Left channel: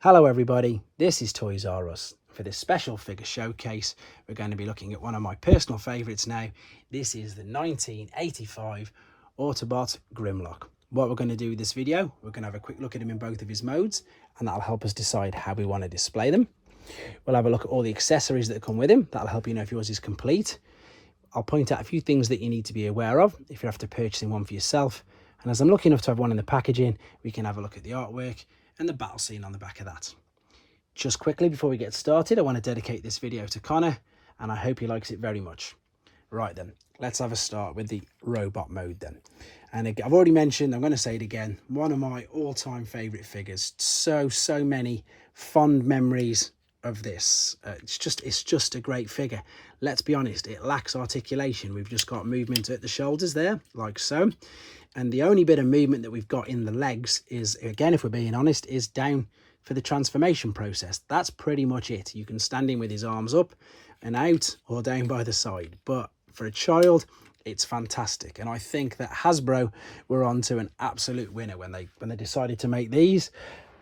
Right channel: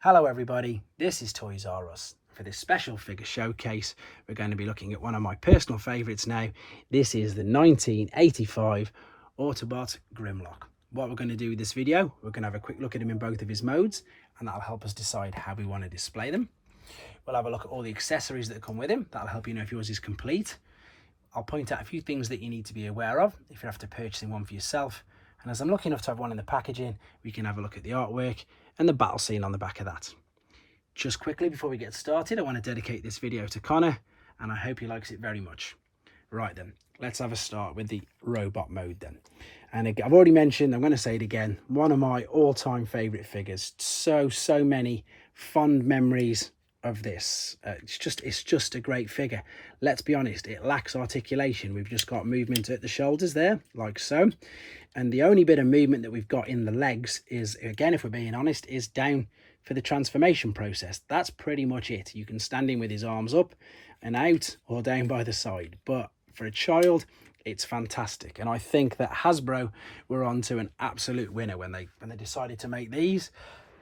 Hello everybody, this is Toys R Us. For this special figure showcase, we're going to be looking at one of my personal favourites now. This is the 1985 Autobot Grimlock. What we're going to do with this video, we're going to have a quick look at him in both of his modes, and that'll help us decide how we want to display them. We'll have a look at all the accessories that come with him. That'll help you know if yours is complete. I'll point out a few things that you need to be aware of if you're after purchasing one for yourself. And as I'm lucky enough to have one in the packaging, we can have a look at the artwork and the battle scene on the back of that. Just quickly before we get started, I want to dedicate this video to Connor, and I hope he likes it very much. Right then, let's have a start with the robot mode then. And again, I've already mentioned, I'm going to say it again, one of my all-time favourite figures. So many fond memories of this. It's just a great figure. Let's be honest, it lacks articulation. We've just got movement at the shoulders there, like so. And the only bit of movement that we've got in the legs is, again, if we're being honest, is down for the transformation process. That's pretty much it. You can stand in with his arms up and out or down by the side. But for a child, it's fantastic. And I think that Hasbro were onto an absolute winner when they decided to make these.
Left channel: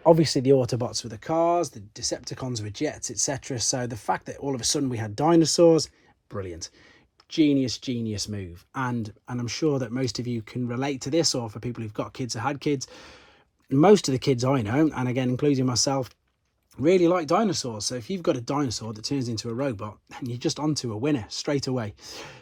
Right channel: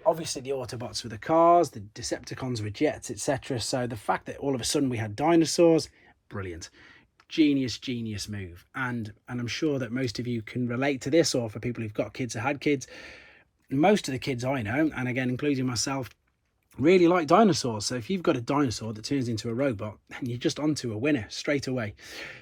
Obviously, the Autobots were the cars, the Decepticons were jets, etc. So the fact that all of a sudden we had dinosaurs, brilliant. Genius move. And I'm sure that most of you can relate to this, or for people who've got kids or had kids, most of the kids I know, and again including myself, really like dinosaurs. So if you've got a dinosaur that turns into a robot, then you're just onto a winner straight away.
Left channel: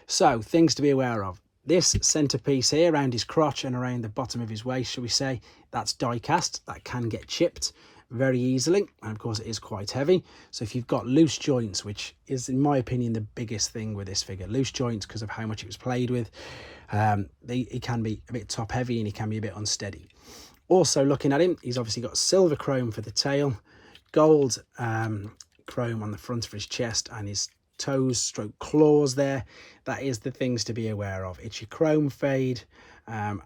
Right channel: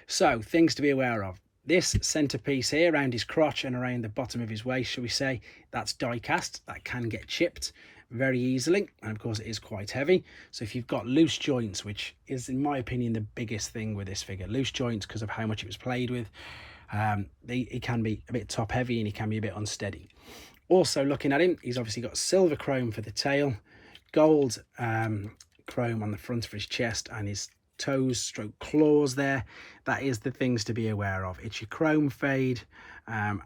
So things to be aware of: this centerpiece here around his crotch and around the bottom of his waist, shall we say, that's die cast. That can get chipped very easily, and of course it is quite heavy. So if you've got loose joints, which is in my opinion the biggest thing with this figure, loose joints, because of how much it was played with, it can be a bit top heavy and he can be a bit unsteady. Also, looking at him, he's obviously got silver chrome for the tail, gold chrome on the front of his chest and his toes stroke claws there. That is the things to be aware of. It's your chrome fade, and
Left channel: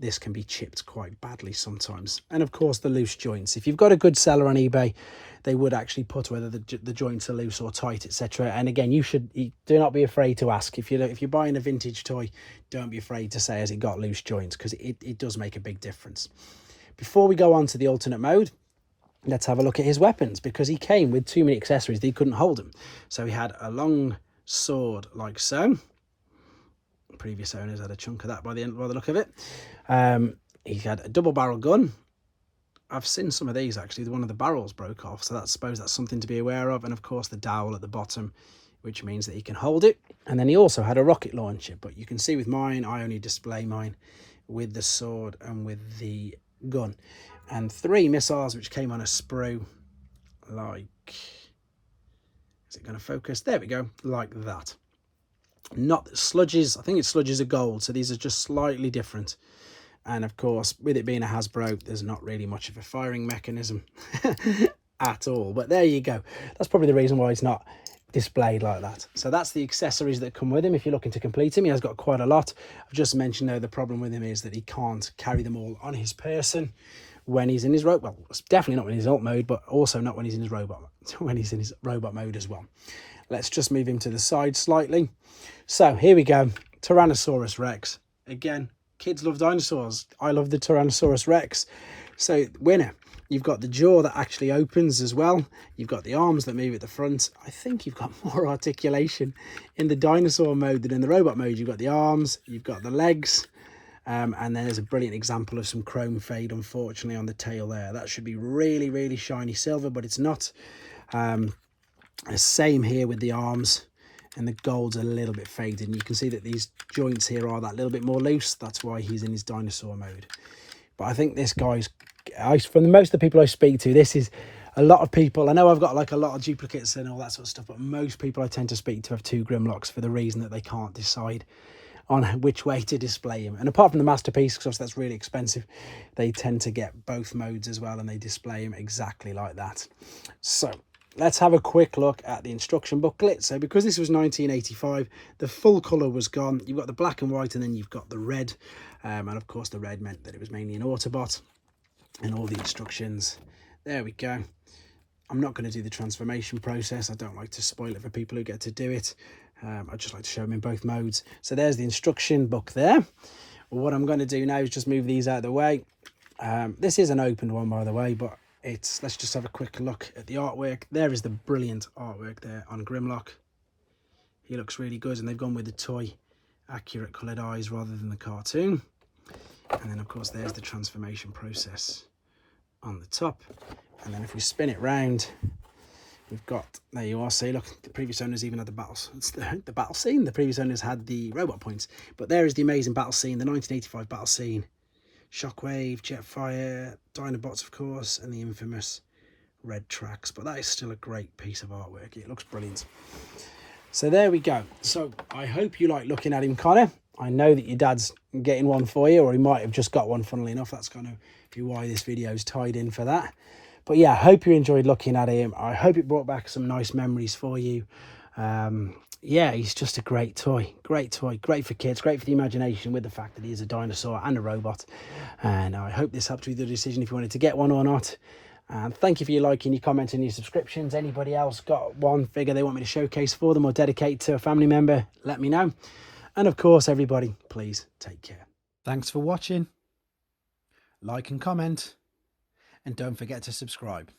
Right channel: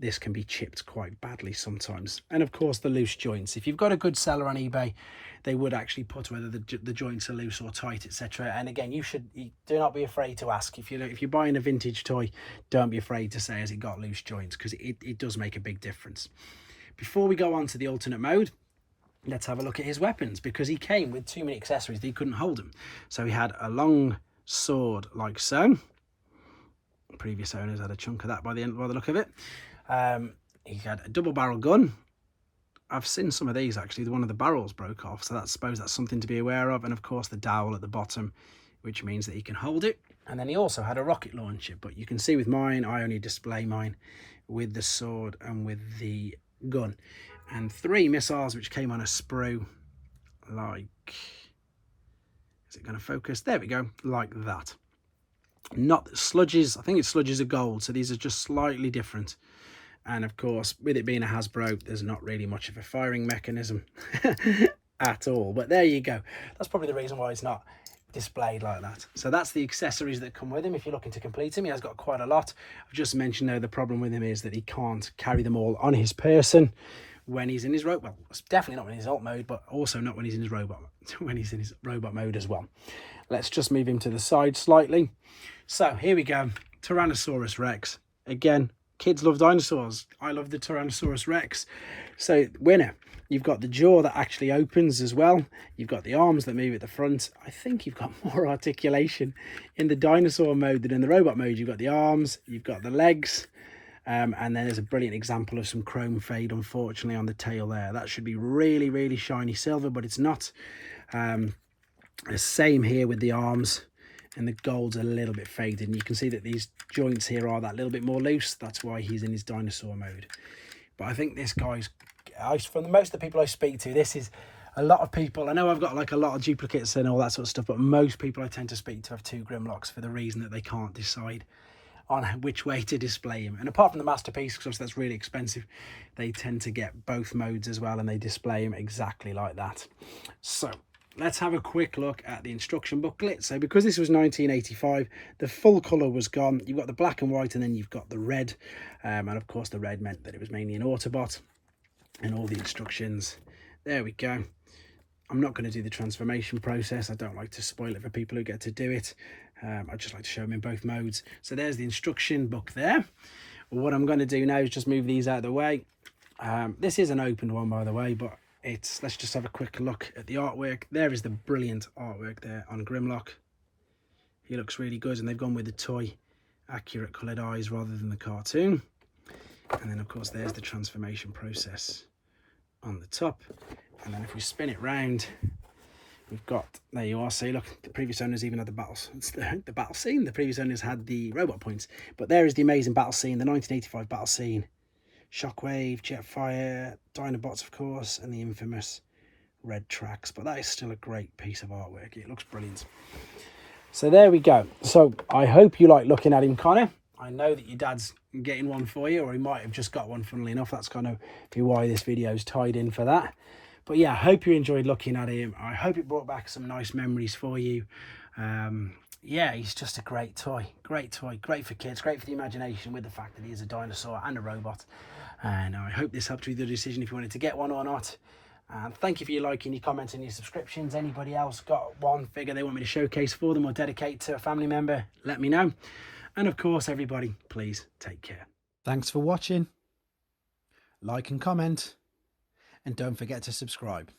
this can be chipped quite badly sometimes. And of course the loose joints, if you've got a good seller on eBay, they would actually put whether the joints are loose or tight, etc. And again, do not be afraid to ask. If you're buying a vintage toy, don't be afraid to say, has it got loose joints, because it does make a big difference. Before we go on to the alternate mode, let's have a look at his weapons, because he came with too many accessories that he couldn't hold them. So he had a long sword like so. Previous owners had a chunk of that by the look of it. He had a double barrel gun. I've seen some of these actually. One of the barrels broke off, so I suppose that's something to be aware of. And of course the dowel at the bottom, which means that he can hold it. And then he also had a rocket launcher, but you can see with mine, I only display mine with the sword and with the gun. And 3 missiles which came on a sprue, like, is it going to focus? There we go, like that. Not sludges, I think it's sludges of gold, so these are just slightly different. And of course, with it being a Hasbro, there's not really much of a firing mechanism at all. But there you go. That's probably the reason why it's not displayed like that. So that's the accessories that come with him if you're looking to complete him. He has got quite a lot. I've just mentioned though, the problem with him is that he can't carry them all on his person when he's in his robot. Well, it's definitely not when he's in alt mode, but also not when he's in his robot mode as well. Let's just move him to the side slightly. So here we go, Tyrannosaurus Rex. Again, kids love dinosaurs. I love the Tyrannosaurus Rex. So winner. You've got the jaw that actually opens as well. You've got the arms that move at the front. I think you've got more articulation in the dinosaur mode than in the robot mode. You've got the arms, you've got the legs, and then there's a brilliant example of some chrome fade, unfortunately, on the tail there. That should be really shiny silver, but it's not. The same here with the arms, and the gold's a little bit faded. And you can see that these joints here are that little bit more loose. That's why he's in his dinosaur mode. But I think this guy's, from most of the people I speak to, this is a lot of people. I know I've got like a lot of duplicates and all that sort of stuff, but most people I tend to speak to have 2 Grimlocks for the reason that they can't decide on which way to display him. And apart from the masterpiece, because that's really expensive, they tend to get both modes as well, and they display him exactly like that. So let's have a quick look at the instruction booklet. So because this was 1985, the full colour was gone. You've got the black and white, and then you've got the red. And of course the red meant that it was mainly an Autobot, and all the instructions. There we go. I'm not going to do the transformation process. I don't like to spoil it for people who get to do it. I just like to show them in both modes. So there's the instruction book there. What I'm going to do now is just move these out of the way. This is an opened one, by the way, but let's just have a quick look at the artwork. There is the brilliant artwork there on Grimlock. He looks really good, and they've gone with the toy accurate coloured eyes rather than the cartoon. And then of course there's the transformation process on the top. And then if we spin it round, we've got, there you are, see, look, the previous owners even had the battles. It's the battle scene. The previous owners had the robot points, but there is the amazing battle scene, the 1985 battle scene. Shockwave, Jetfire, Dinobots, of course, and the infamous red tracks. But that is still a great piece of artwork. It looks brilliant. So there we go. So I hope you like looking at him, Connor. I know that your dad's getting one for you, or he might have just got one, funnily enough. That's kind of why this video is tied in for that. But yeah, I hope you enjoyed looking at him. I hope it brought back some nice memories for you. Yeah, he's just a great toy. Great toy. Great for kids. Great for the imagination, with the fact that he is a dinosaur and a robot. And I hope this helped you with the decision if you wanted to get one or not. Thank you for your liking, your comments, and your subscriptions. Anybody else got one figure they want me to showcase for them or dedicate to a family member, let me know. And of course, everybody, please take care. Thanks for watching. Like and comment. And don't forget to subscribe.